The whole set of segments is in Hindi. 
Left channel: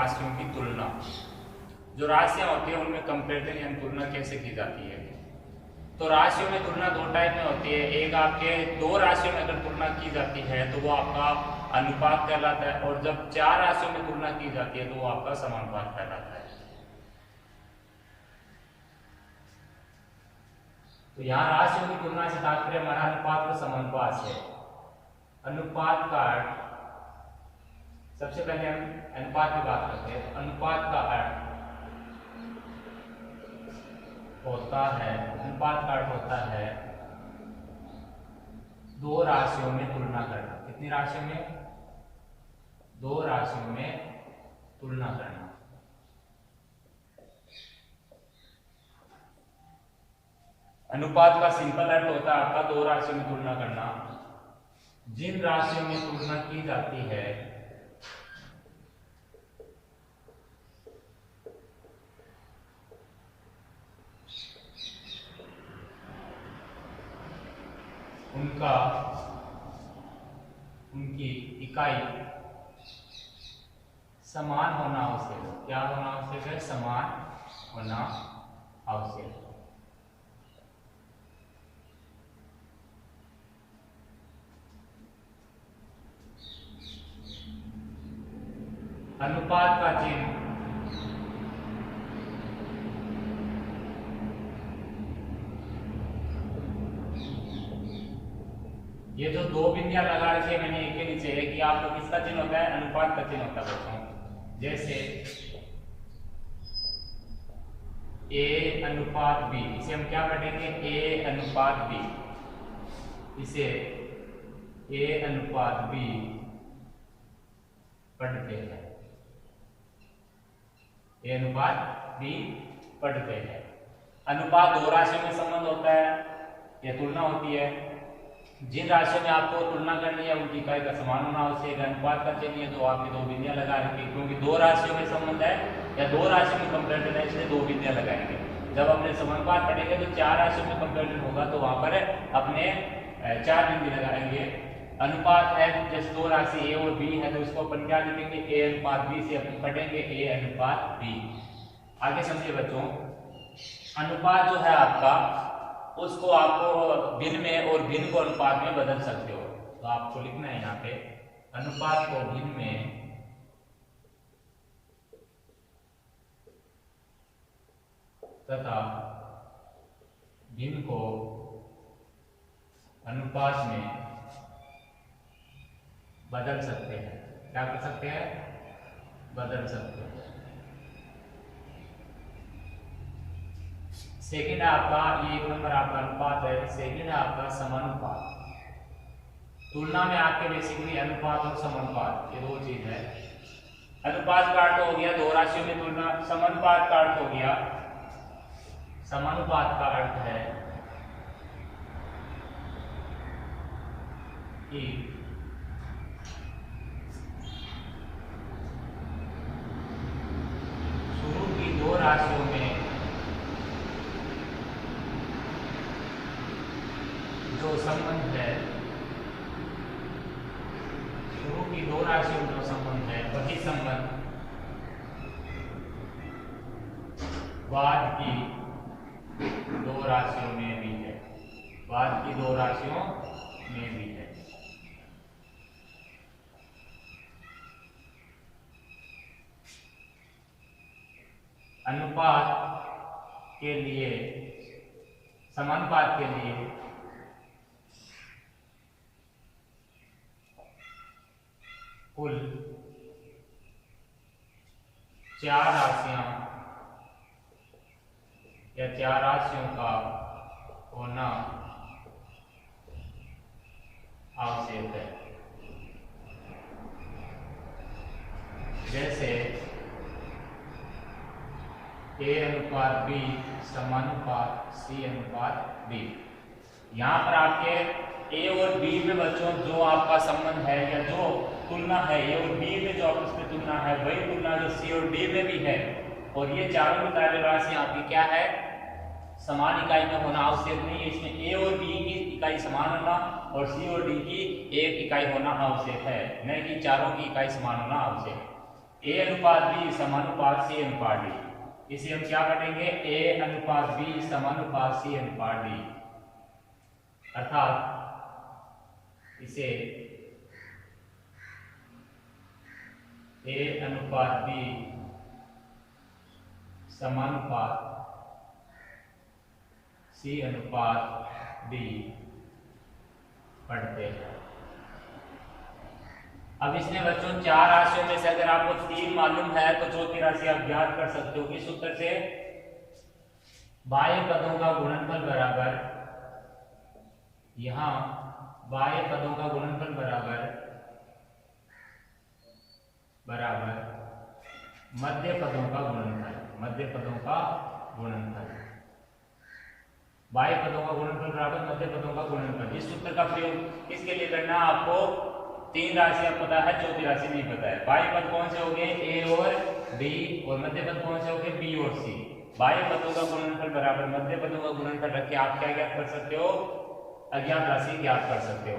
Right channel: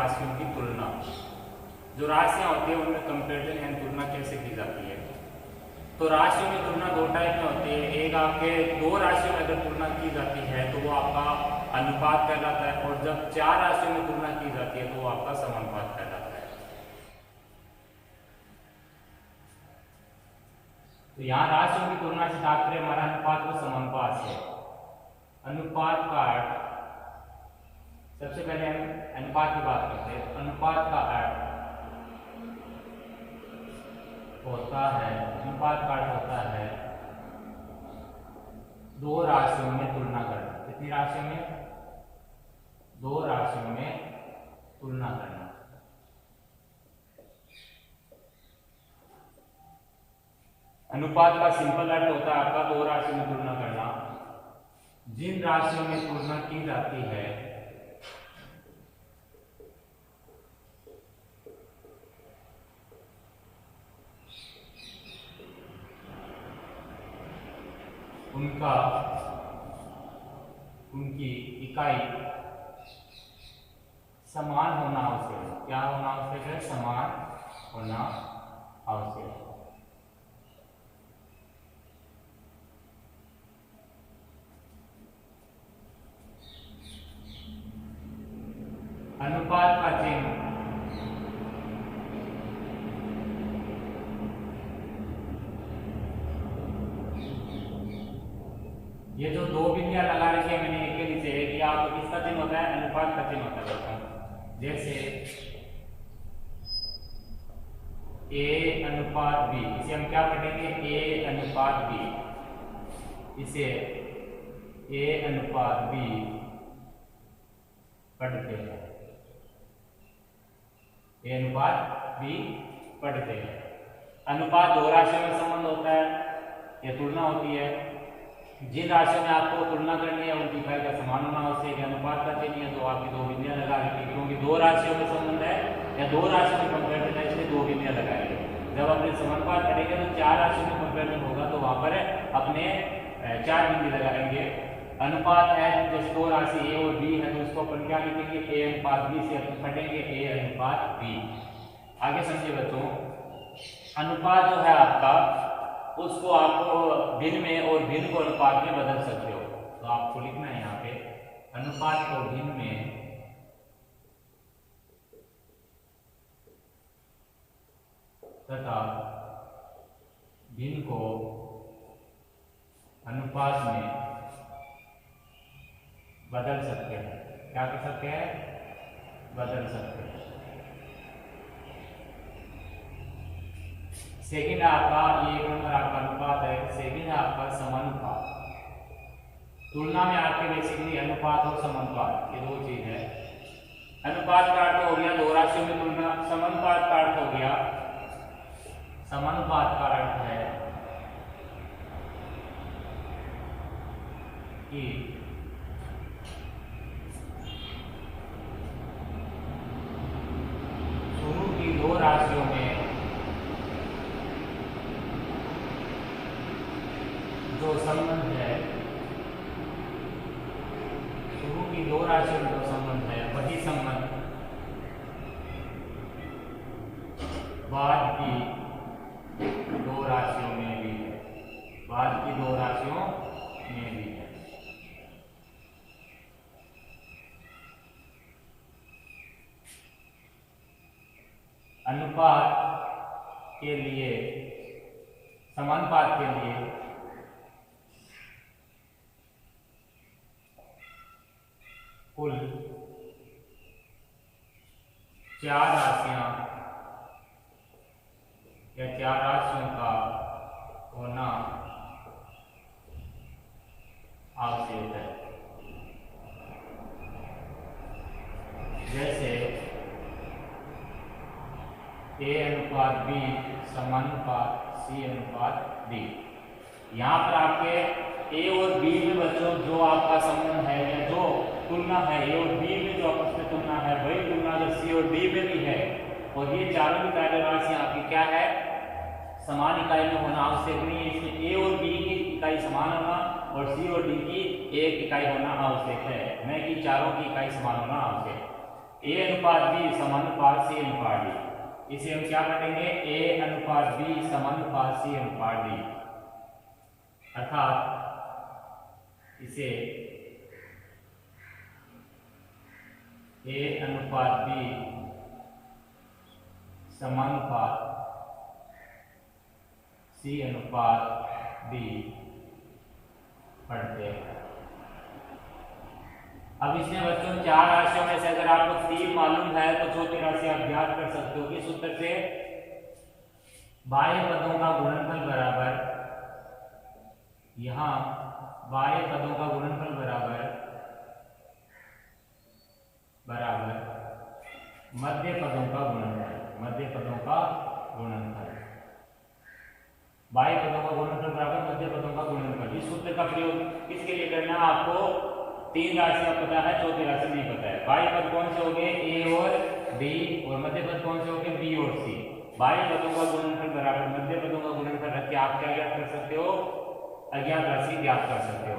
राशियों की तुलना। जो राशियां होती हैं उनमें कंपेरिजन यानी तुलना कैसे की जाती है। तो राशियों में तुलना दो टाइप में होती है। एक आपके दो राशियों में अगर तुलना की जाती है तो वो आपका अनुपात कहलाता है, और जब चार राशियों में तुलना की जाती है तो वो आपका समानुपात कहलाता है। तो यहाँ राशियों की तुलना से तात्पर्य हमारा अनुपात और समानुपात से। अनुपात का अर्थ, सबसे पहले हम अनुपात की बात करते हैं। अनुपात का अर्थ होता है, अनुपात का अर्थ होता है दो राशियों में तुलना करना। कितनी राशियों में? दो राशियों में तुलना करना। अनुपात का सिंपल अर्थ होता है आपका दो राशियों में तुलना करना। जिन राशियों में तुलना की जाती है उनकी इकाई समान होना आवश्यक है। क्या होना आवश्यक है? समान होना आवश्यक है। अनुपात का चिन्ह ये जो दो बिंदियां लगा रखी है मैंने एक के नीचे है कि आप किसका चिन्ह होता है? अनुपात का चिन्ह होता है बच्चों। जैसे ए अनुपात बी, इसे हम क्या पढ़ेंगे? ए अनुपात बी। इसे ए अनुपात बी पढ़ते हैं। ए अनुपात बी पढ़ते हैं। अनुपात दो राशियों में संबंध होता है, यह तुलना होती है। जिन राशियों में आपको तुलना करनी है उनकी इकाई का समान होना आवश्यक है। अनुपात का चिन्ह है जो आपकी दो बिंदियां लगा रखी है, क्योंकि दो राशियों में संबंध है या दो राशियों में कंपेरिजन है, इसलिए दो बिंदियां लगाएंगे। जब अपने समानुपात पढ़ेंगे तो चार राशियों में कंपेरिजन होगा तो वहां पर अपने चार बिंदी लगाएंगे। अनुपात है जैसे दो राशि ए और बी है तो इसको अपन क्या लिखेंगे? ए अनुपात बी से अपन पढ़ेंगे ए अनुपात बी। आगे समझिए बच्चों, अनुपात जो है आपका उसको आपको भिन्न में और भिन्न को अनुपात में बदल सकते हो। तो आपको लिखना है यहाँ पे अनुपात को भिन्न में तथा भिन्न को अनुपात में बदल सकते हैं। क्या कर सकते हैं? बदल सकते हैं। सेकंड आपका ये एक नंबर आपका अनुपात है। सेकंड है आपका समानुपात। तुलना में आपके बेसिकली अनुपात और समानुपात ये दो चीज है। अनुपात का अर्थ हो गया दो राशियों में तुलना। समानुपात का अर्थ हो गया, समानुपात का अर्थ है कि शुरू की दो राशियों में जो संबंध है, शुरू की दो राशियों में जो संबंध है वही संबंध बाद की दो राशियों में भी है। बाद की दो राशियों में भी है। अनुपात के लिए, समानुपात के लिए कुल चार राशियां या चार राशियों का होना आवश्यक है। जैसे ए अनुपात बी समानुपात सी अनुपात बी। यहाँ पर आपके ए और बी में बच्चों जो आपका संबंध है या जो तुलना है, ए और बी में जो आपस में तुलना है वही तुलना जो सी और डी में भी है। और ये चारों इकाई राशि आपकी क्या है? समान इकाई में होना आवश्यक नहीं है। इसमें ए और बी की इकाई समान होना और सी और डी की एक इकाई होना आवश्यक है, न कि चारों की इकाई समान होना आवश्यक है। ए अनुपात बी समानुपात सी अनुपात डी। इसे हम क्या पढ़ेंगे, ए अनुपात बी समानुपात सी अनुपात डी, अर्थात इसे ए अनुपात बी समानुपात सी अनुपात डी पढ़ते हैं। अब इसमें बच्चों चार राशियों में से अगर आपको तीन मालूम है तो चौथी राशि आप ज्ञात कर सकते हो। किस सूत्र से, बाह्य पदों का गुणनफल बराबर, यहां बाह्य पदों का गुणनफल बराबर मध्य पदों का गुणनफल, मध्य पदों का गुणनफल, बाह्य पदों का गुणनफल बराबर मध्य पदों का गुणनफल। इस सूत्र का प्रयोग किसके लिए करना है, आपको तीन राशियां पता है, चौथी राशि नहीं पता है। बाह्य पद कौन से होंगे, ए और बी, और मध्य पद कौन से होंगे, बी और सी। बाह्य पदों का गुणनफल बराबर मध्य पदों का गुणनफल रख के आप क्या ज्ञात कर सकते हो, अज्ञात राशि ज्ञात कर सकते हो।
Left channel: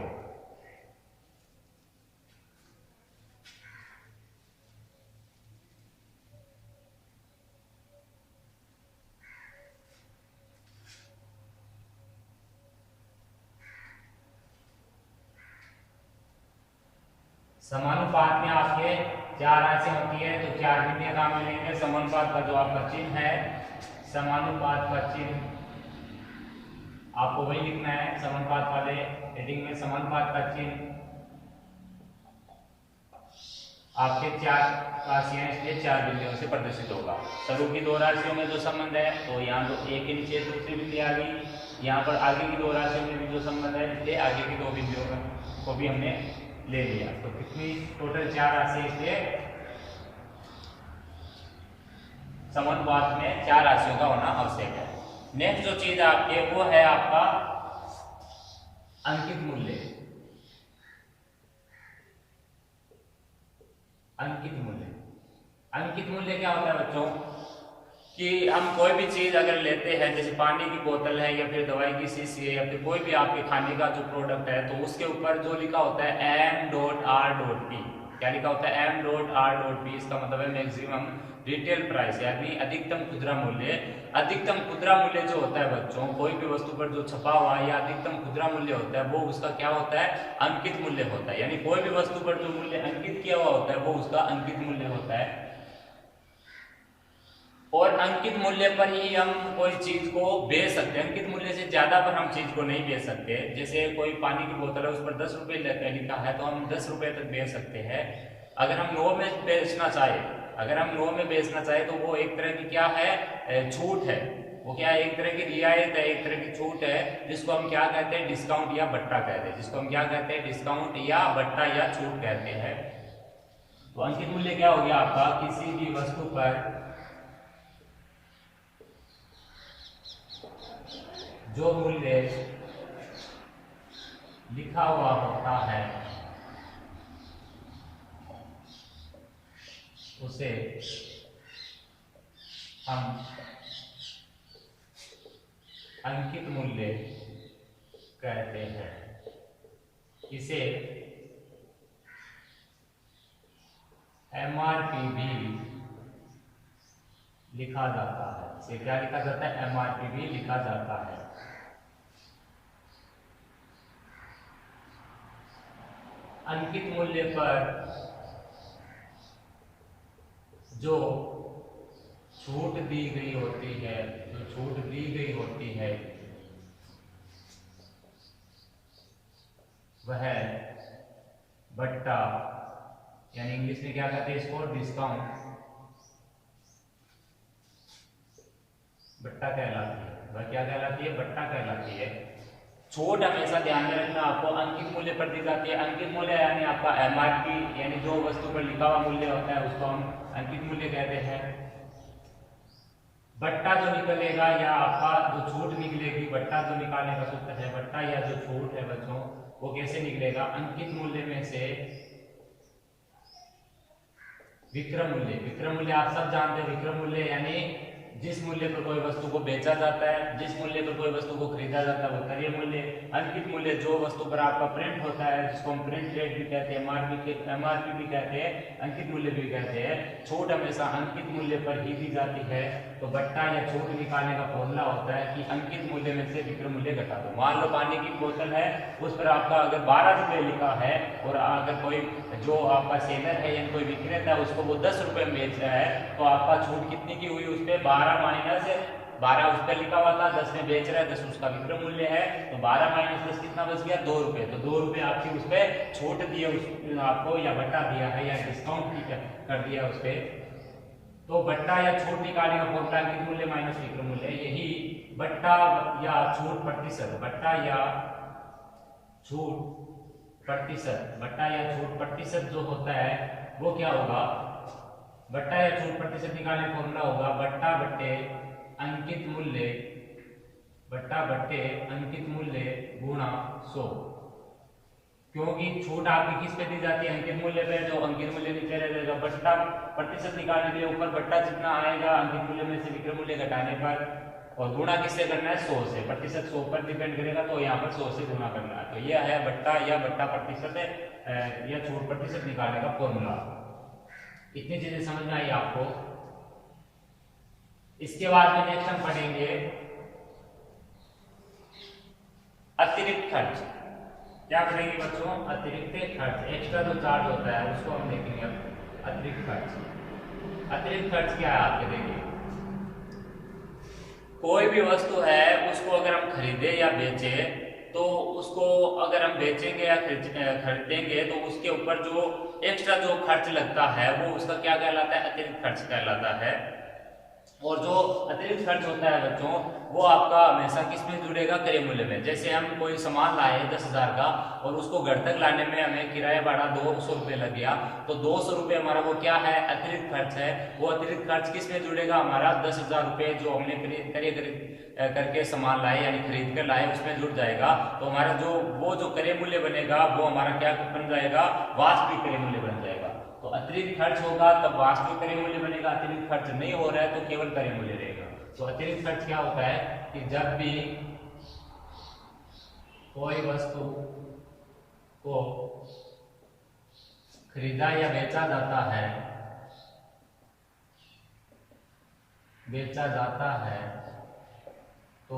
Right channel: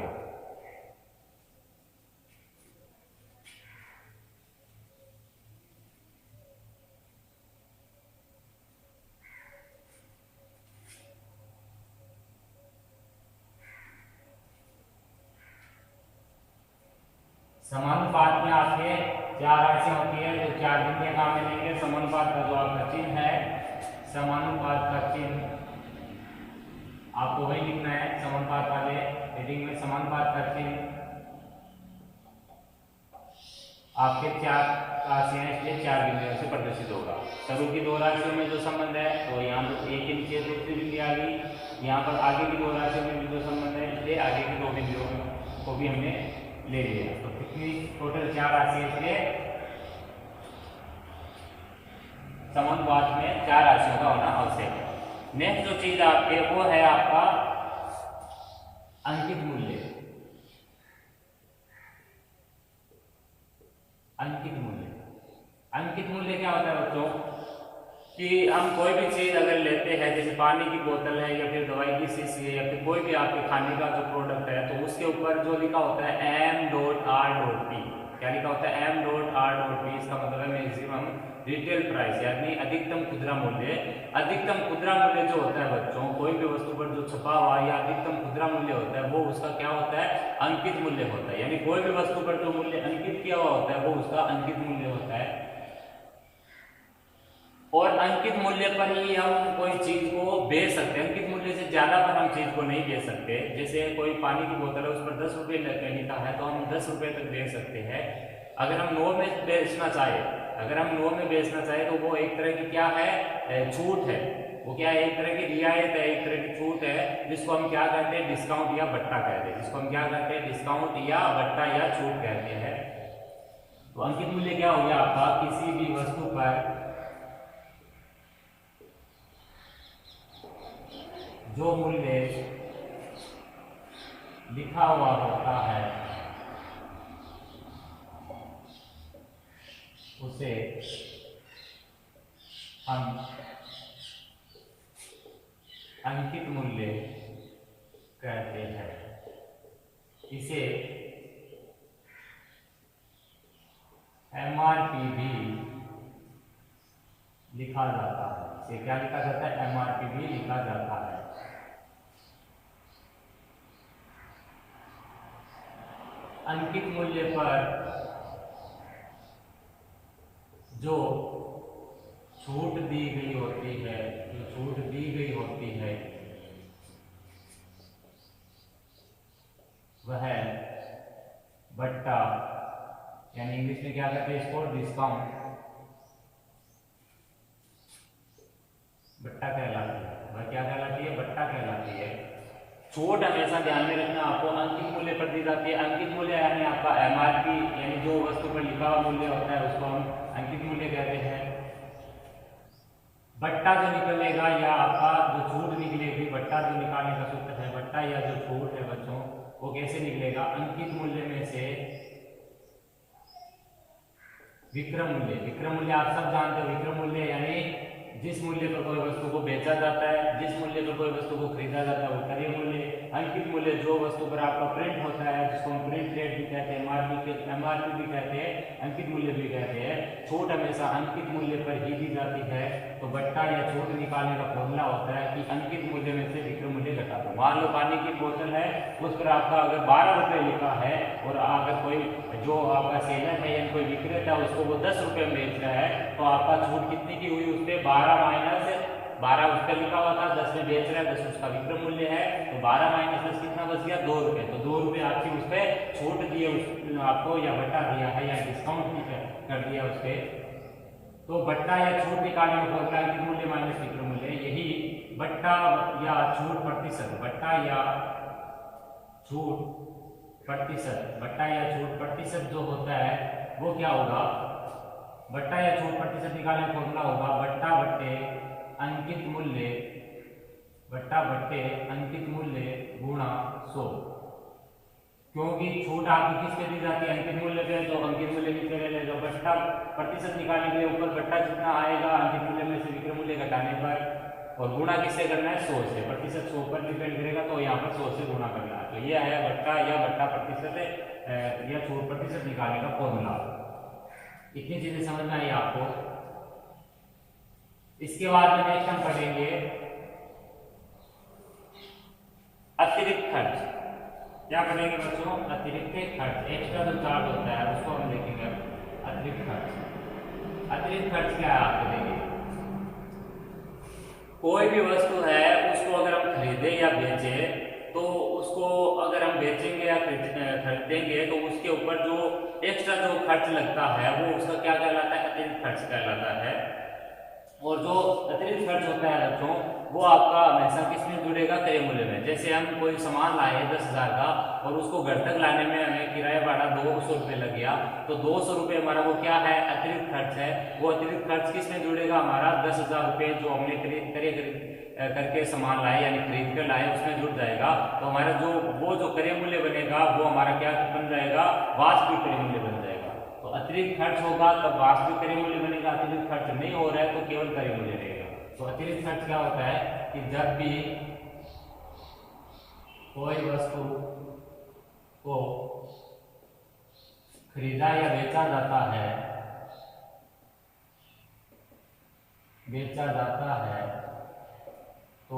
समानुपात में आपके चार राशि होती है तो चार भिन्न कहाँ मिलेंगे, समानुपात का जो आपका चिन्ह है, समानुपात का चिन्ह आपको वही लिखना है, समानुपात वाले हेडिंग में समानुपात का चिन्ह आपके चार राशियां इसलिए चार बिंदुओं से प्रदर्शित होगा। शुरू की दो राशियों में जो संबंध है तो यहाँ तो एक के नीचे दूसरी बिंदु आ गई, यहाँ पर आगे की दो राशियों में भी जो संबंध है इसलिए आगे की दो बिंदुओं को भी हमने ले लिया। तो कितनी टोटल चार राशि, इसलिए समानुपात में चार राशियों का होना आवश्यक है। नेक्स्ट जो चीज आपके वो है आपका अंकित मूल्य। अंकित मूल्य, अंकित मूल्य क्या होता है बच्चों, कि हम कोई भी चीज अगर लेते हैं, जैसे पानी की बोतल है या फिर दवाई की शीशी है या फिर कोई भी आपके खाने का जो प्रोडक्ट है, तो उसके ऊपर जो लिखा होता है m.r.p, क्या लिखा होता है m.r.p, इसका मतलब है मैक्सिमम रिटेल प्राइस, यानी अधिकतम खुदरा मूल्य। अधिकतम खुदरा मूल्य जो होता है बच्चों, कोई भी वस्तु पर जो छपा हुआ या अधिकतम खुदरा मूल्य होता है वो उसका क्या होता है, अंकित मूल्य होता है। यानी कोई भी वस्तु पर जो मूल्य अंकित किया हुआ होता है वो उसका अंकित मूल्य होता है। और अंकित मूल्य पर ही हम कोई चीज को बेच सकते हैं, अंकित मूल्य से ज्यादा पर हम चीज को नहीं बेच सकते। जैसे कोई पानी की बोतल है, उस पर 10 रुपये लिखा है तो हम 10 रुपये तक बेच सकते हैं। अगर हम 9 में बेचना चाहे, अगर हम 9 में बेचना चाहे तो वो एक तरह की क्या है, छूट है। वो क्या है, एक तरह की रियायत है, एक तरह की छूट है, जिसको हम क्या कहते हैं, डिस्काउंट या बट्टा कहते हैं। जिसको हम क्या कहते हैं, डिस्काउंट या बट्टा या छूट कहते हैं। तो अंकित मूल्य क्या हो गया आपका, किसी भी वस्तु पर जो मूल्य लिखा हुआ होता है उसे हम अंकित मूल्य कहते हैं। इसे MRP भी लिखा जाता है। इसे क्या लिखा जाता है, MRP भी लिखा जाता है। अंकित मूल्य पर जो छूट दी गई होती है, जो छूट दी गई होती है वह बट्टा, यानी इंग्लिश में क्या कहते हैं इसको, डिस्काउंट, बट्टा कहलाती है। वह क्या कहलाती है, बट्टा कहलाती है। छूट हमेशा ध्यान में रखना, आपको अंकित मूल्य पर दी जाती है। अंकित मूल्य यानी आपका MRP, यानी जो वस्तु पर लिखा हुआ मूल्य होता है उसको हम अंकित मूल्य कहते हैं। बट्टा जो निकलेगा या आपका जो छूट निकलेगी, बट्टा जो निकालने का सूत्र है, बट्टा या जो छूट है बच्चों वो कैसे निकलेगा, अंकित मूल्य में से विक्रय मूल्य। विक्रय मूल्य आप सब जानते हैं, विक्रय मूल्य यानी जिस मूल्य पर कोई वस्तु को बेचा जाता है, जिस मूल्य पर कोई वस्तु को खरीदा जाता है वो क्रय मूल्य। अंकित मूल्य जो वस्तु पर आपका प्रिंट होता है, जिसको हम प्रिंट रेट भी कहते हैं, एमआरपी भी कहते हैं, अंकित मूल्य भी कहते हैं। छूट हमेशा अंकित मूल्य पर ही दी जाती है। तो बट्टा या छूट निकालने का फॉर्मूला होता है कि अंकित मूल्य में से विक्रय मूल्य घटा दो। मान लो पानी की बोतल है, उस पर आपका अगर 12 रुपये लिखा है और अगर कोई जो आपका सेलर है या कोई विक्रेता है उसको वो 10 रुपये में बेच रहा है, तो आपका छूट कितनी की हुई उस पर? 12 माइनस 12 उस पर लिखा हुआ था, 10 में बेच रहा है, 10 उसका विक्रय मूल्य है, तो 12 माइनस 10 कितना बच गया? 2 रुपये। तो 2 रुपये आपकी उस पर छूट दिए आपको, या बट्टा दिया है या डिस्काउंट कर दिया उस पर। तो बट्टा या छूट निकालने का फॉर्मूला अंकित मूल्य माइनस विक्रय मूल्य। यही बट्टा या छूट प्रतिशत, बट्टा या छूट प्रतिशत, बट्टा या छूट प्रतिशत जो होता है वो क्या होगा? बट्टा या छूट प्रतिशत निकालने का फॉर्मूला होगा बट्टा बट्टे अंकित मूल्य, बट्टा बट्टे अंकित मूल्य गुणा 100। क्योंकि छूट आपकी किस पे दी जाती है? अंकित मूल्य पे। जो अंकित मूल्य नीचे रहेगा, बट्टा प्रतिशत निकालने के लिए ऊपर बट्टा जितना आएगा अंकित मूल्य में से विक्रय मूल्य घटाने पर, और गुणा किससे करना है? 100 से। प्रतिशत 100 पर डिपेंड करेगा, तो यहाँ पर 100 से गुणा करना है। तो यह है बट्टा या बट्टा प्रतिशत या छूट प्रतिशत निकालने का फॉर्मूला। इतनी चीजें समझना है आपको। इसके बाद में नेक्स्ट हम पढ़ेंगे अतिरिक्त खर्च। क्या पढ़ेंगे बच्चों? अतिरिक्त खर्च, एक्स्ट्रा जो चार्ज होता है उसको हम देखेंगे। अतिरिक्त खर्च, अतिरिक्त खर्च क्या है आपके? देखिए, कोई भी वस्तु है उसको अगर हम खरीदे या बेचे, तो उसको अगर हम बेचेंगे या खरीदेंगे तो उसके ऊपर जो एक्स्ट्रा जो खर्च लगता है वो उसका क्या कहलाता है? अतिरिक्त खर्च कहलाता है। और जो अतिरिक्त खर्च होता है बच्चों, वो आपका हमेशा किस में जुड़ेगा? क्रय मूल्य में। जैसे हम कोई सामान लाए 10,000 का और उसको घर तक लाने में हमें किराया भाड़ा 200 रुपये लग गया, तो 200 रुपये हमारा वो क्या है? अतिरिक्त खर्च है। वो अतिरिक्त खर्च किस में जुड़ेगा? हमारा 10,000 रुपये जो हमने खरीद करके सामान लाए यानी खरीद कर लाए उसमें जुड़ जाएगा। तो हमारा जो क्रय मूल्य बनेगा वो हमारा क्या बन जाएगा? वास्तविक क्रय मूल्य बन जाएगा। तो अतिरिक्त खर्च होगा तब वास्तविक क्रय मूल्य बनेगा। अतिरिक्त खर्च नहीं हो रहा है तो केवल क्रय मूल्य रहेगा। तो अतिरिक्त खर्च क्या होता है कि जब भी कोई वस्तु को खरीदा या बेचा जाता है, तो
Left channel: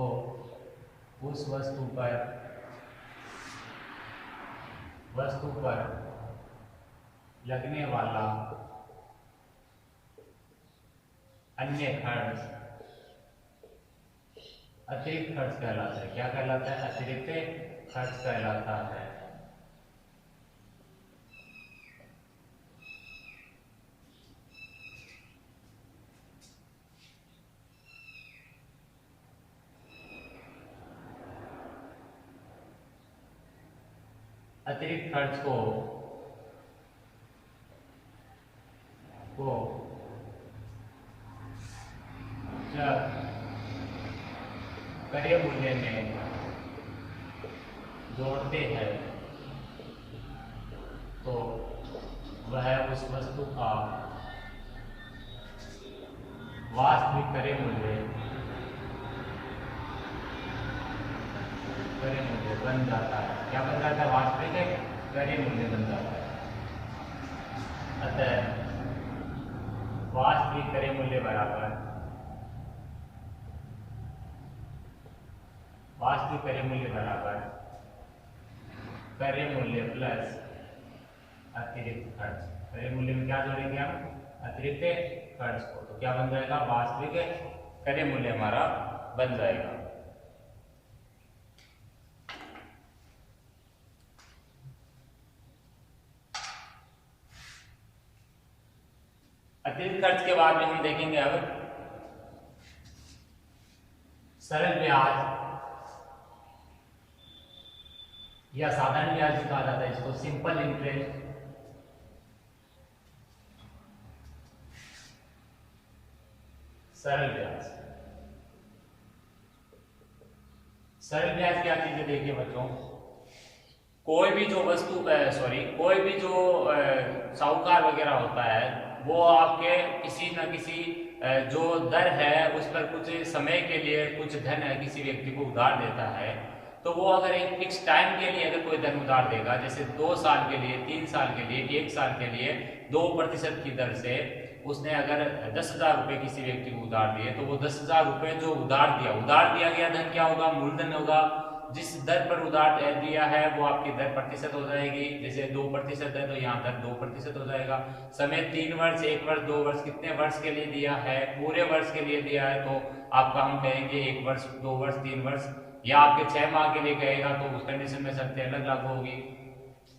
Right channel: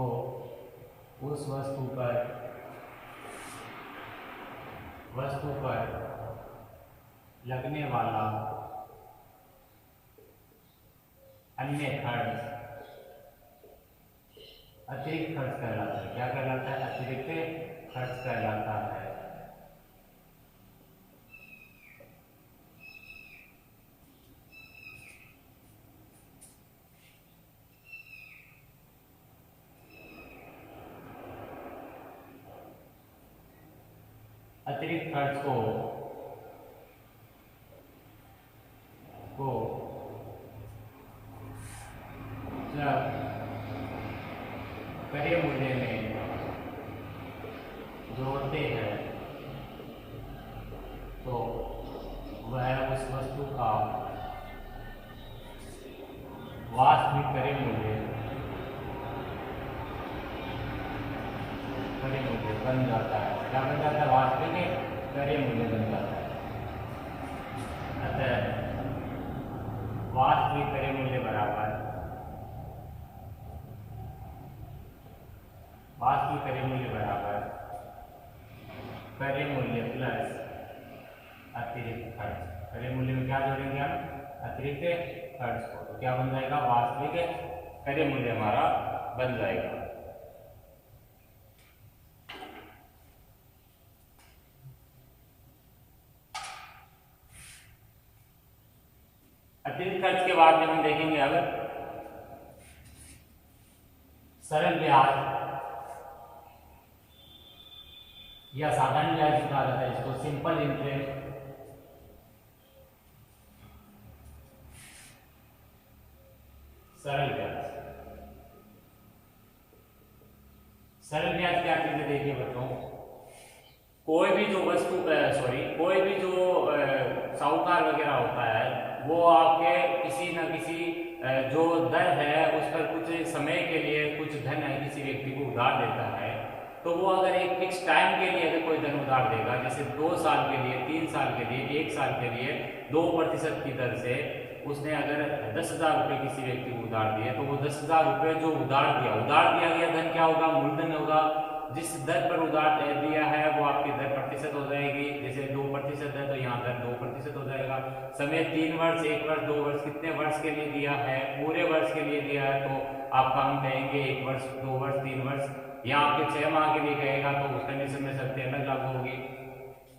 उस वस्तु पर लगने वाला अन्य खर्च अतिरिक्त खर्च कहलाता है। क्या कहलाता है? अतिरिक्त खर्च कहलाता है। अतिरिक्त खर्च को जब क्रय मूल्य में जोड़ते हैं तो वह उस वस्तु का वास्तविक क्रय मूल्य बन जाता है। क्या बन जाता है? वास्तविक क्रय मूल्य बन जाता है। अतः वास्तविक क्रय मूल्य बराबर क्रय मूल्य प्लस अतिरिक्त खर्च। क्रय मूल्य में क्या जोड़ेंगे हम? अतिरिक्त खर्च को। तो क्या बन जाएगा? वास्तविक क्रय मूल्य हमारा बन जाएगा। अतिरिक्त खर्च के बाद में हम देखेंगे अब सरल ब्याज या साधारण ब्याज जो कहा जाता है, इसको सिंपल इंटरेस्ट। सरल ब्याज, सरल ब्याज क्या चीजें? देखिए बच्चों, कोई भी जो साहूकार वगैरह होता है वो आपके किसी न किसी जो दर है उस पर कुछ समय के लिए कुछ धन है किसी व्यक्ति को उधार देता है। तो वो अगर एक फिक्स टाइम के लिए अगर कोई धन उधार देगा, जैसे 2 साल के लिए, 3 साल के लिए, 1 साल के लिए 2% की दर से उसने अगर 10,000 रुपये किसी व्यक्ति को उधार दिए, तो वो 10,000 रुपये जो उधार दिया गया धन क्या होगा, मूलधन होगा। जिस दर पर उधार दिया है वो आपकी दर प्रतिशत हो जाएगी। जैसे 2% है तो यहाँ दर 2% हो जाएगा। समय 3 वर्ष, 1 वर्ष, 2 वर्ष, कितने वर्ष के लिए दिया है, पूरे वर्ष के लिए दिया है तो आपका हम कहेंगे 1 वर्ष, 2 वर्ष, 3 वर्ष, या आपके 6 माह के लिए कहेगा तो उस कंडीशन में शर्तें अलग लागू होगी।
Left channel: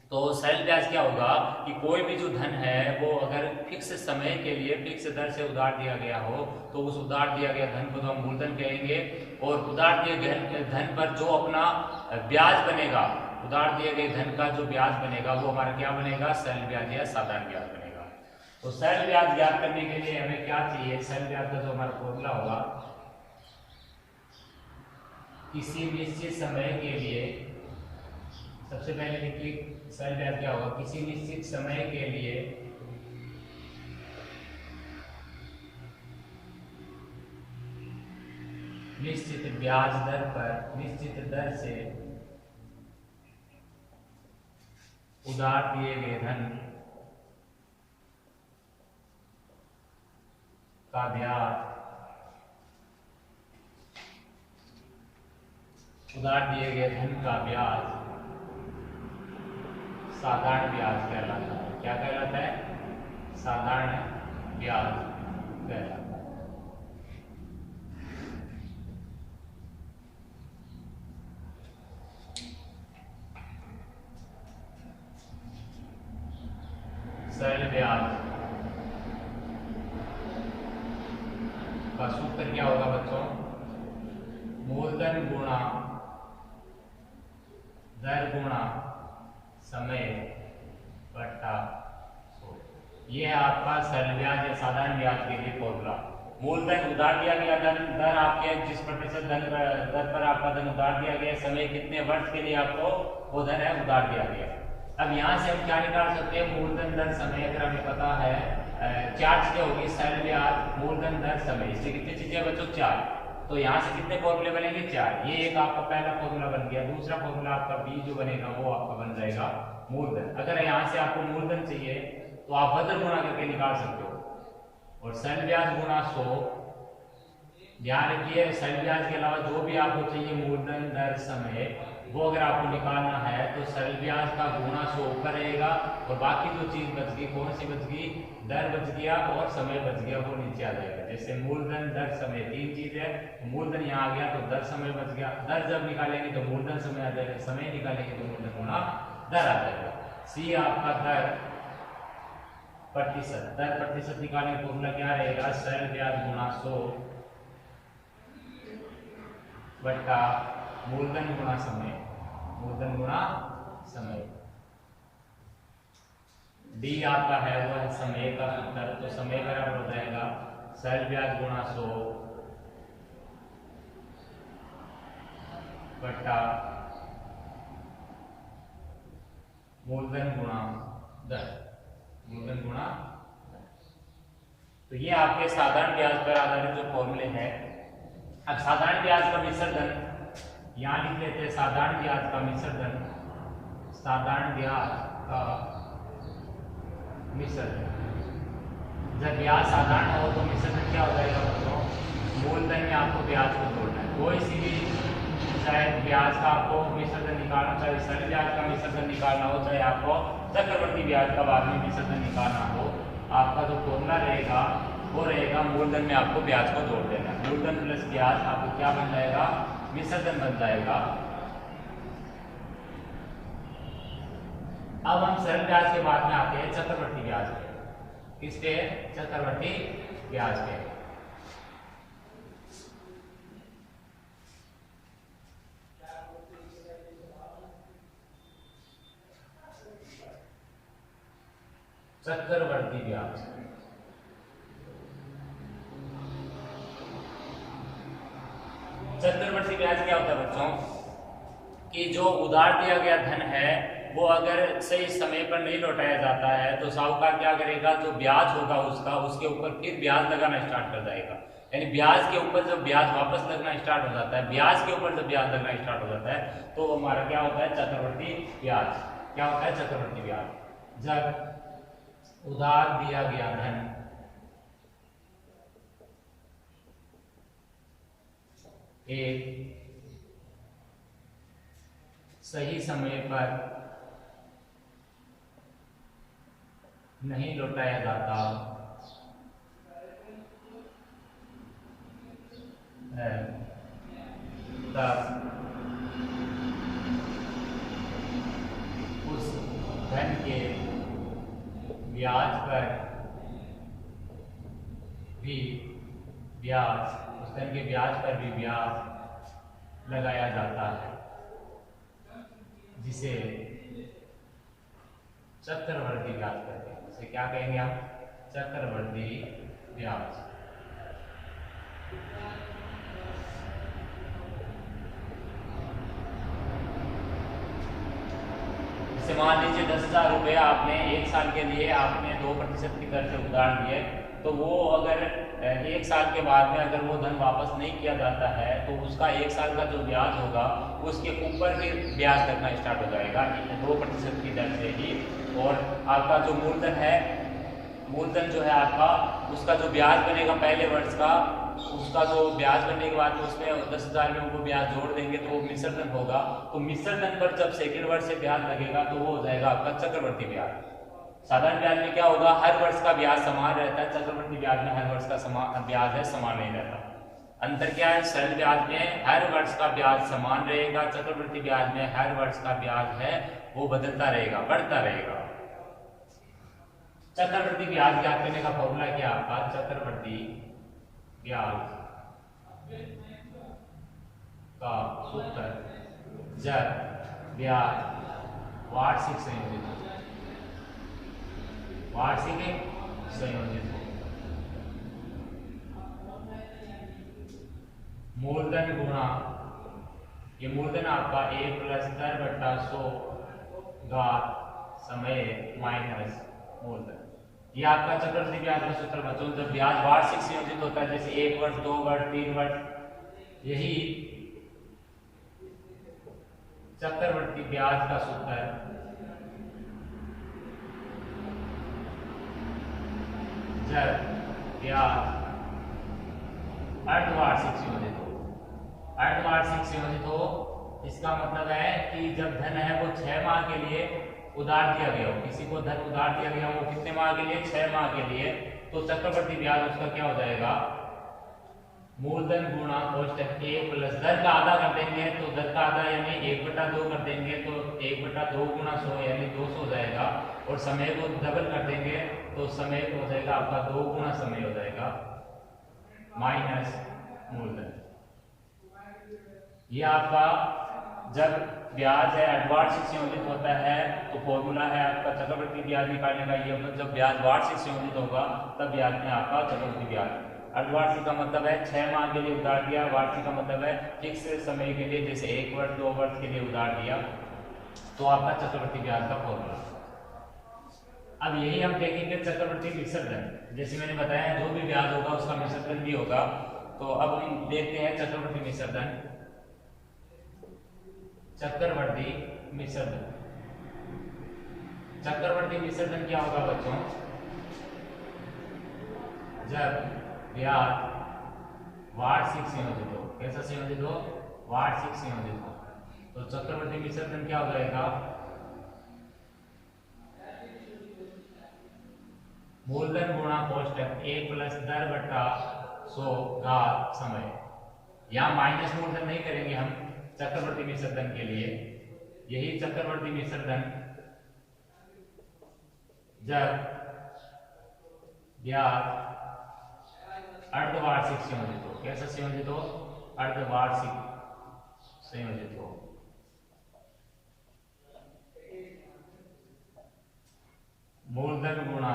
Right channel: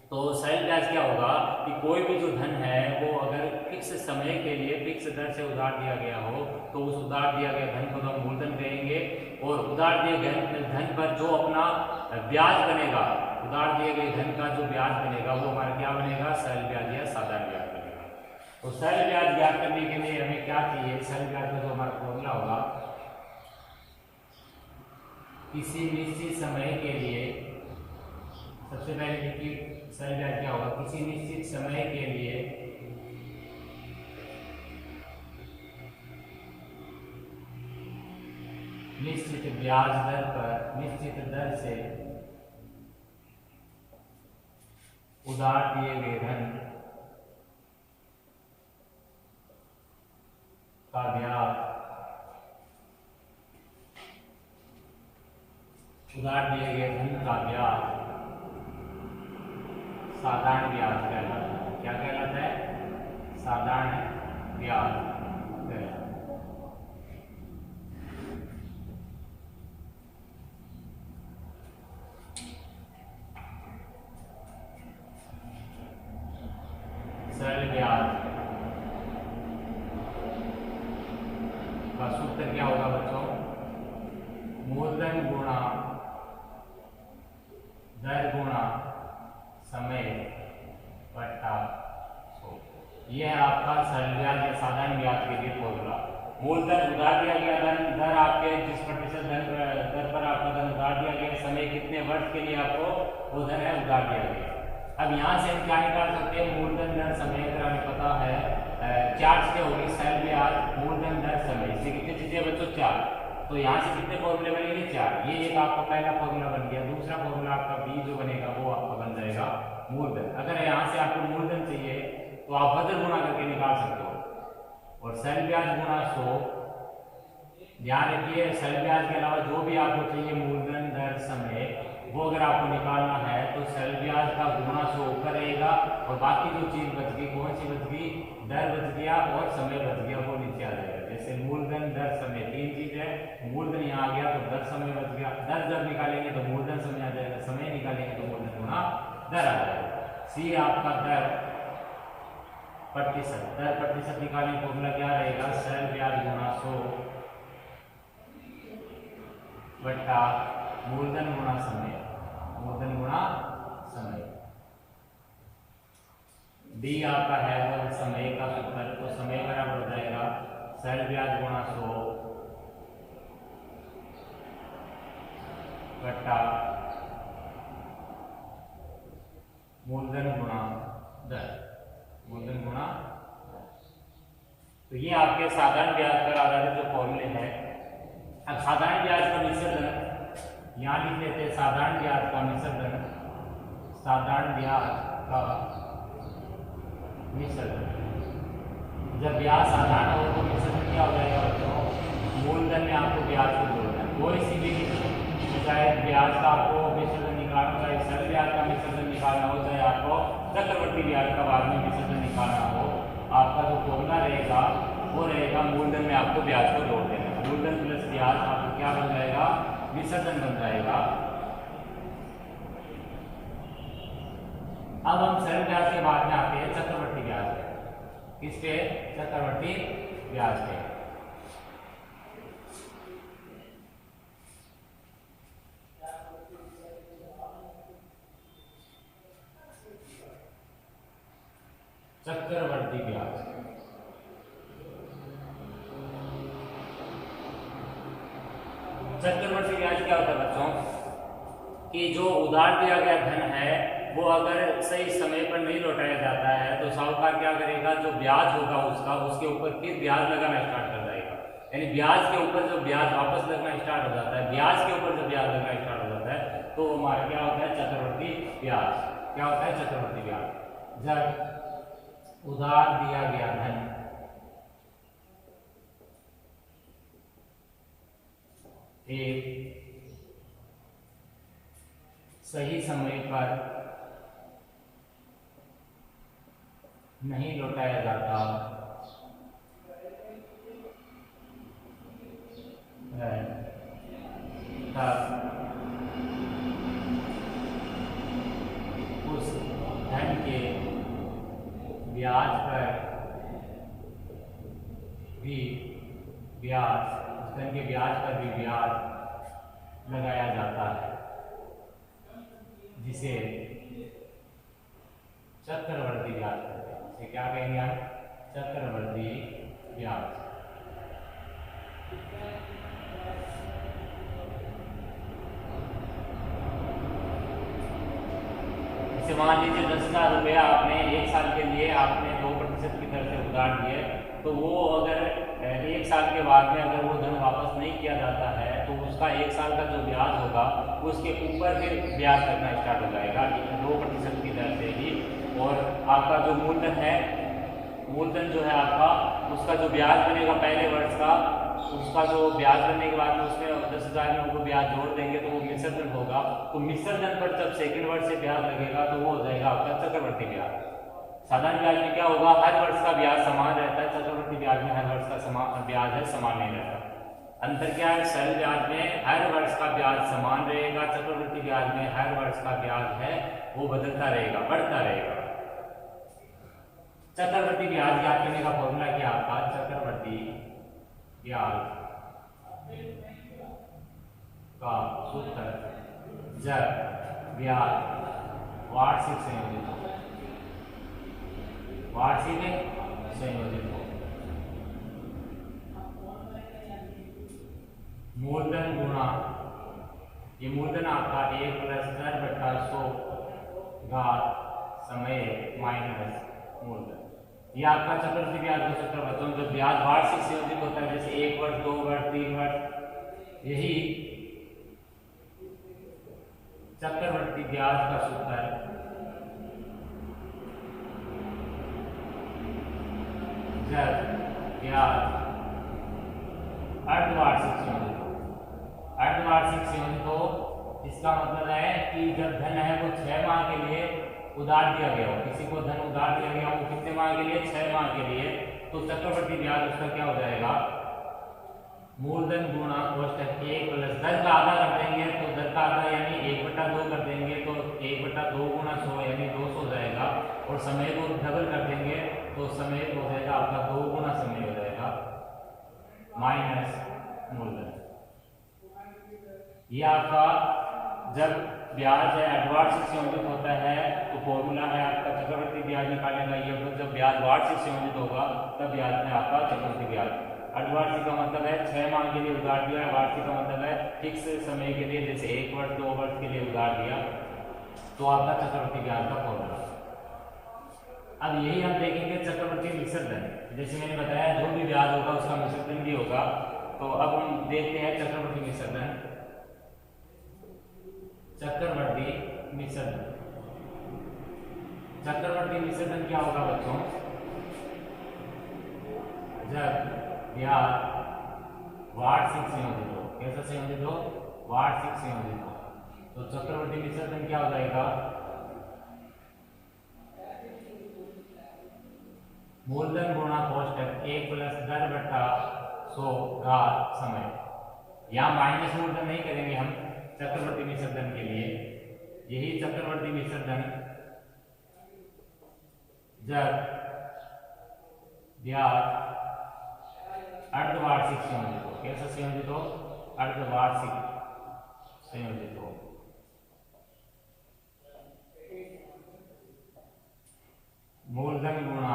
तो सरल ब्याज क्या होगा कि कोई भी जो धन है वो अगर फिक्स समय के लिए फिक्स दर से उधार दिया गया हो तो उस उधार दिया गया धन को तो हम मूलधन कहेंगे, और उधार दिए गए धन पर जो अपना ब्याज बनेगा, उधार दिए गए धन का जो ब्याज बनेगा वो हमारा क्या बनेगा, सरल ब्याज या साधारण ब्याज बनेगा। तो सरल ब्याज ज्ञात करने के लिए हमें क्या चाहिए, सरल ब्याज का जो हमारा फॉर्मूला होगा, किसी निश्चित समय के लिए, सबसे पहले देखिए सरल ब्याज क्या होगा, किसी निश्चित समय के लिए निश्चित ब्याज दर पर निश्चित दर से उधार दिए गए धन का ब्याज, उधार दिए गए धन का ब्याज साधारण ब्याज कहलाता है। क्या कहलाता है, साधारण ब्याज कहलाता है। सरल ब्याज का सूत्र क्या होगा बच्चों, मूलधन गुणा दर गुणा समय बटा 100। यह है आपका सरल ब्याज या साधारण ब्याज के लिए फॉर्मूला। मूलधन उधार दिया गया धन, दर आपके जिस प्रतिशत दर पर आपका धन उधार दिया गया, समय कितने वर्ष के लिए आपको वो धन है उधार दिया गया। अब यहाँ से हम क्या निकाल सकते हैं, मूलधन दर समय, अगर हमें पता है 4 चीजें होगी, सरल ब्याज, मूलधन दर समय, इसलिए कितनी चीजें बच्चों 4। तो यहाँ से कितने फॉर्मूले बनेंगे, 4। ये एक आपका पहला फॉर्मूला बन गया। दूसरा फॉर्मूला आपका बी जो बनेगा वो आपका बन जाएगा मूलधन। अगर यहाँ से आपको मूलधन चाहिए तो आप वजन गुणा करके निकाल सकते हो, और सरल ब्याज गुणा 100। ध्यान रखिए सरल ब्याज के अलावा जो भी आपको चाहिए मूलधन दर समय, वो अगर आपको निकालना है तो सरल ब्याज का गुणा 100 ऊपर रहेगा, और बाकी जो चीज बच गई, कौन सी बच गई, दर बच गया और समय बच गया, वो नीचे आ जाएगा। जैसे मूलधन दर समय 3 चीज है, मूलधन यहाँ आ गया तो दर समय बच गया, दर जब निकालेंगे तो मूलधन समय आ जाएगा, समय निकालेंगे तो मूलधन गुणा दर आ जाएगा। सी आपका दर प्रतिशत, दर प्रतिशत निकालने का फॉर्मूला क्या रहेगा, सरल ब्याज गुणा 100 बटा मूलधन गुणा समय, मूलधन गुणा समय। डी आपका है वह समय का सूत्र, तो समय बराबर हो जाएगा सरल ब्याज गुणा 100 बटा मूलधन गुणा दर, मूलधन गुणा। तो ये आपके साधारण ब्याज पर आधारित जो फॉर्मूले हैं। अब साधारण ब्याज का मिश्र धन यहाँ लिख लेते हैं, साधारण ब्याज का मिश्र धन, साधारण ब्याज का मिश्र धन। जब ब्याज साधारण हो तो मिश्र धन क्या हो जाएगा बच्चों, मूलधन में आपको ब्याज को जोड़ना है। कोई सी भी चाहे ब्याज का आपको मिश्र धन निकालना, चाहे सरल ब्याज का मिश्र धन निकालना हो, चाहे आपको चक्रवर्ती ब्याज का बाद में मिश्र धन निकालना हो, आपका जो फॉर्मूला रहेगा वो रहेगा मूलधन में आपको ब्याज को जोड़ देना। मूलधन प्लस ब्याज आपको क्या बन जाएगा, मिश्र धन बन जाएगा। अब हम सरल ब्याज के बाद में आते हैं चक्रवर्ती ब्याज पे। किस पे, चक्रवर्ती ब्याज पे। चक्रवर्ती ब्याज, चक्रवर्ती ब्याज क्या होता है बच्चों, कि जो उधार दिया गया धन है वो अगर सही समय पर नहीं लौटाया जाता है तो साहूकार क्या करेगा, जो ब्याज होगा उसका, उसके ऊपर फिर ब्याज लगाना स्टार्ट कर जाएगा। यानी ब्याज के ऊपर जब ब्याज वापस लगना स्टार्ट हो जाता है, ब्याज के ऊपर जब ब्याज लगना स्टार्ट हो जाता होता है, तो हमारा क्या होता है चक्रवर्ती ब्याज। क्या होता है चक्रवर्ती ब्याज। जब उधार दिया गया धन एक सही समय पर नहीं लौटाया जाता है, तब उस धन के ब्याज पर भी ब्याज उस धन के ब्याज पर भी ब्याज लगाया जाता है, जिसे चक्रवर्ती ब्याज कहते हैं। इसे क्या कहेंगे हम? चक्रवर्ती ब्याज। जैसे मान लीजिए 10,000 रुपये आपने एक साल के लिए आपने 2% की दर से उधार दिए, तो वो अगर एक साल के बाद में अगर वो धन वापस नहीं किया जाता है तो उसका एक साल का जो ब्याज होगा उसके ऊपर फिर ब्याज लगना स्टार्ट हो जाएगा 2% की दर से ही। और आपका जो मूलधन है, मूलधन जो है आपका, उसका जो ब्याज बनेगा पहले वर्ष का, उसका जो ब्याज बनने के बाद में उसमें 10,000 में वो ब्याज जोड़ देंगे तो वो मिश्र धन होगा। तो मिश्र धन पर जब सेकेंड वर्ष से ब्याज लगेगा तो वो हो जाएगा आपका चक्रवर्ती ब्याज। साधारण ब्याज में क्या होगा, हर वर्ष का ब्याज समान रहता है, चक्रवर्ती ब्याज में हर वर्ष का ब्याज है समान नहीं रहता। अंतर क्या है, सरल ब्याज में हर वर्ष का ब्याज समान रहेगा, चक्रवर्ती ब्याज में हर वर्ष का ब्याज है वो बदलता रहेगा, बढ़ता रहेगा। चक्रवर्ती ब्याज ज्ञात करने का फॉर्मूला क्या आपका? चक्रवर्ती ब्याज का सूत्र जब ब्याज वार्षिक संयोजित मूलधन गुणा, ये मूलधन आपका 1 + 10/100 घात समय माइनस मूलधन। ये आपका चक्रवर्ती ब्याज का सूत्र बच्चों। जब ब्याज वार्षिक संयोजित होता है, जैसे 1 वर्ष, 2 वर्ष, 3 वर्ष, यही चक्रवर्ती ब्याज का सूत्र है। जब ब्याज अर्धवार्षिक संयोजित हो, अर्धवार्षिक संयोजित हो इसका मतलब है कि जब धन है वो 6 माह के लिए उधार दिया गया हो, किसी को धन उधार दिया गया हो कितने माह के लिए? 6 माह के लिए। तो चक्रवर्ती ब्याज उसका क्या हो जाएगा? मूलधन गुणा कोष्टक 1 + दर का आधा कर देंगे तो दर का आधा यानी 1/2 कर देंगे तो 1/2 × 100 यानी 200 हो जाएगा। और समय को डबल कर देंगे तो समय हो जाएगा आपका 2 गुना समय हो जाएगा माइनस मूलधन। ये आपका जब ब्याज है अर्धवार्षिक संयोजित होता है तो फॉर्मूला है आपका चक्रवर्ती ब्याज निकालने का ये होगा। जब ब्याज वार्षिक संयोजित होगा तब ब्याज में आपका चक्रवर्ती ब्याज। अर्धवार्षिक का मतलब है 6 माह के लिए उधार दिया, वार्षिक का मतलब है फिक्स समय के लिए, जैसे 1 वर्ष 2 वर्ष के लिए उधार दिया, तो आपका चक्रवर्ती ब्याज का फॉर्मूला। अब यही हम देखेंगे चक्रवर्ती मिश्र धन। जैसे मैंने बताया जो भी ब्याज होगा उसका मिश्र धन भी होगा। तो अब हम देखते हैं चक्रवर्ती मिश्र धन। चक्रवर्ती मिश्र धन, चक्रवर्ती मिश्र धन क्या होगा बच्चों? जब ब्याज वार्षिक संयोजित हो। कैसा संयोजित हो? वार्षिक संयोजित हो। तो चक्रवर्ती मिश्र धन क्या हो जाएगा? मूलधन गुणा कोष्टक 1 + दर/100 घात समय। यहाँ माइनस मूलधन नहीं करेंगे हम चक्रवर्ती मिश्र धन के लिए। यही चक्रवर्ती मिश्र धन जब ब्याज अर्धवार्षिक संयोजित हो। कैसा संयोजित हो? अर्धवार्षिक संयोजित हो। मूलधन गुणा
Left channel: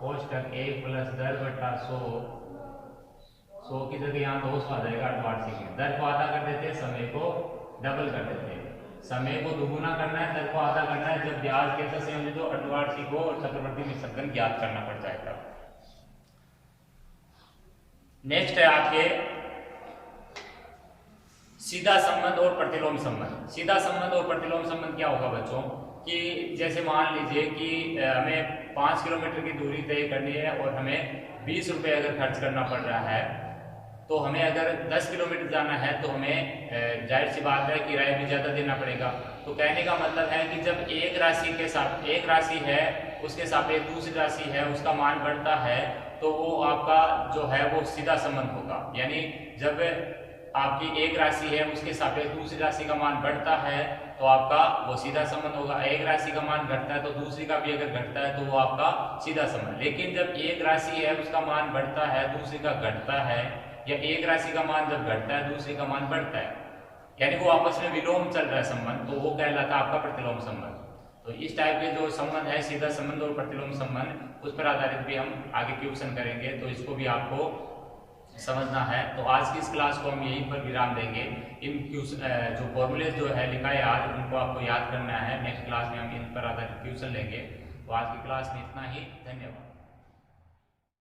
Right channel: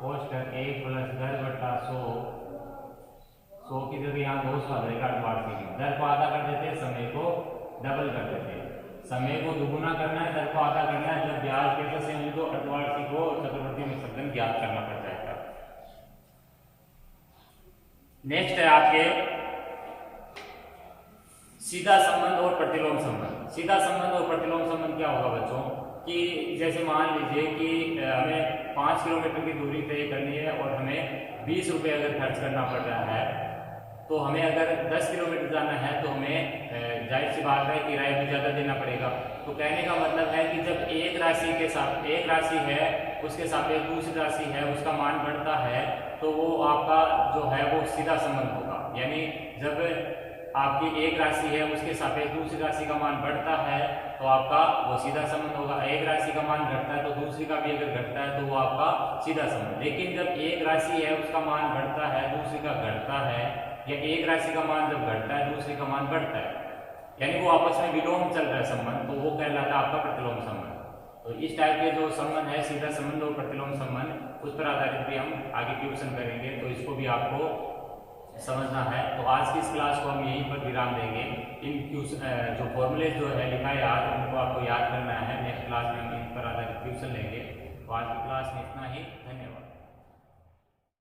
कोष्टक 1 + दर/100, 100 की जगह यहाँ 200 आ जाएगा अर्धवार्षिक। दर को आधा कर देते हैं, समय को डबल कर देते हैं। समय को दुगुना करना है, दर को आधा करना है। जब ब्याज कैसा संयोजित हो? अर्धवार्षिक हो और चक्रवर्ती मिश्र धन ज्ञात करना पड़ जाएगा। नेक्स्ट है आपके सीधा संबंध और प्रतिलोम संबंध। सीधा संबंध और प्रतिलोम संबंध क्या होगा बच्चों कि जैसे मान लीजिए कि हमें 5 किलोमीटर की दूरी तय करनी है और हमें 20 रुपये अगर खर्च करना पड़ रहा है, तो हमें अगर 10 किलोमीटर जाना है तो हमें जाहिर सी बात है किराया भी ज़्यादा देना पड़ेगा। तो कहने का मतलब है कि जब एक राशि के साथ एक राशि है उसके सापेक्ष दूसरी राशि है उसका मान बढ़ता है तो वो आपका जो है वो सीधा संबंध होगा। यानी जब आपकी एक राशि है उसके सापेक्ष दूसरी राशि का मान बढ़ता है तो आपका वो सीधा संबंध होगा। एक राशि का मान घटता है तो दूसरी का भी अगर घटता है तो वो आपका सीधा संबंध। लेकिन जब एक राशि है उसका मान बढ़ता है दूसरी का घटता है, या एक राशि का मान जब घटता है दूसरी का मान बढ़ता है, यानी वो आपस में विलोम चल रहा है संबंध, तो वो कहलाता है आपका प्रतिलोम संबंध। तो इस टाइप के जो संबंध है सीधा संबंध और प्रतिलोम संबंध उस पर आधारित भी हम आगे ट्यूशन करेंगे, तो इसको भी आपको समझना है। तो आज की इस क्लास को हम यहीं पर विराम देंगे। इन जो फॉर्मूले जो है लिखा है आज उनको आपको याद करना है। नेक्स्ट क्लास में हम इन पर आधारित ट्यूशन लेंगे। तो आज की क्लास में इतना ही, धन्यवाद।